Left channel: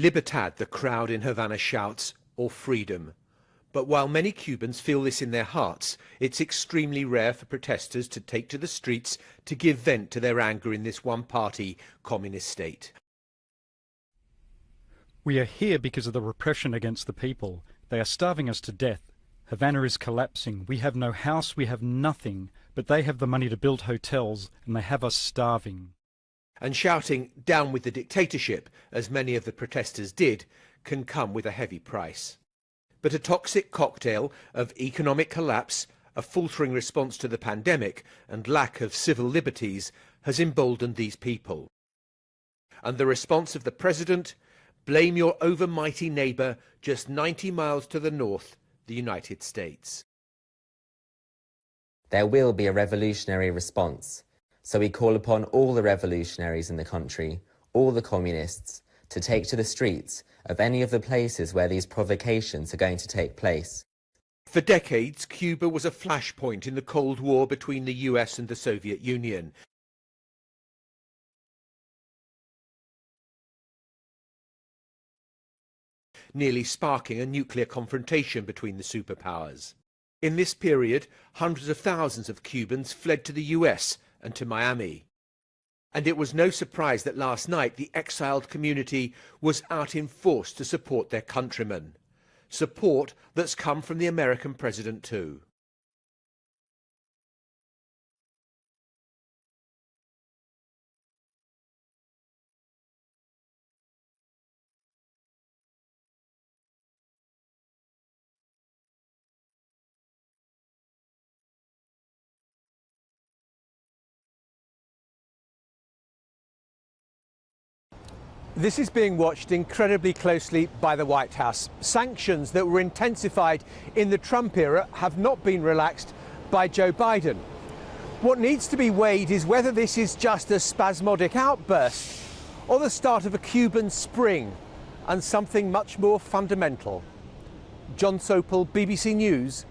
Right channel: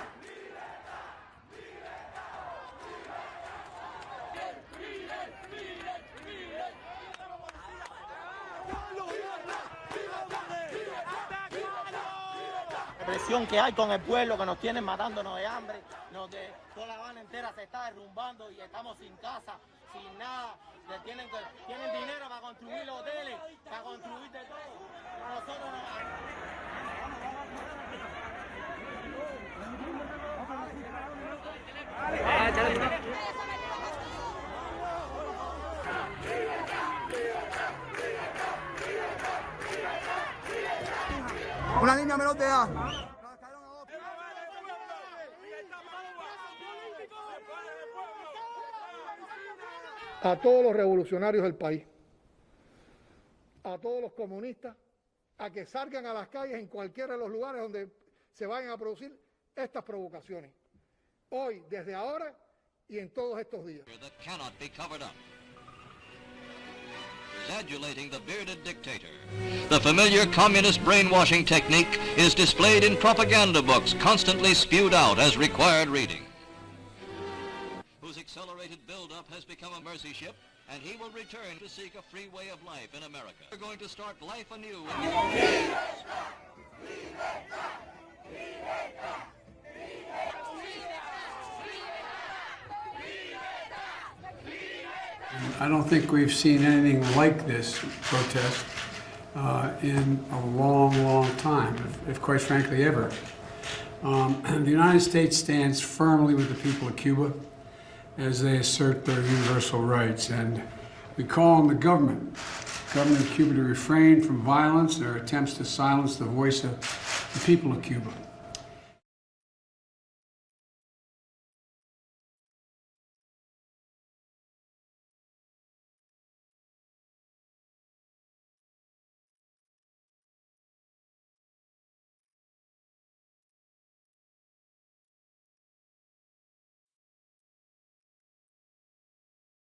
Libertad, the crowd in Havana shouts, or freedom. But while many Cubans feel this in their hearts, it's extremely rare for protesters to take to the streets to give vent to their anger in this one-party communist state. We are here because of the repression against the people. They are starving us to death. Havana is collapsing. We have no house, we have nothing. But they have the money to build hotels, and they have us starving. And shouting, down with the dictatorship, as many of the protesters did, can come with a heavy price. But a toxic cocktail of economic collapse, a faltering response to the pandemic, and lack of civil liberties has emboldened these people. And the response of the president: blame your overmighty neighbor just 90 miles to the north, the United States. There will be a revolutionary response. So we call upon all the revolutionaries in the country, all the communists, to take to the streets of any of the places where these provocations are going to take place. For decades, Cuba was a flashpoint in the Cold War between the US and the Soviet Union. The familiar communist brainwashing technique is displayed in propaganda books, constantly spewed out as required reading, nearly sparking a nuclear confrontation between the superpowers. In this period, hundreds of thousands of Cubans fled to the US and to Miami. And it was no surprise that last night the exiled community was out in force to support their countrymen. Support that's come from the American president too. I don't think we've seen anything like this protest in a long, long time, if quite frankly ever. The United States stands firmly with the people of Cuba as they assert their universal rights, and we call on the government of Cuba to refrain from violence and their attempts to silence the voice of the people of Cuba. This is being watched incredibly closely by the White House. Sanctions that were intensified in the Trump era have not been relaxed by Joe Biden. What needs to be weighed is whether this is just a spasmodic outburst or the start of a Cuban spring and something much more fundamental. John Sopel, BBC News,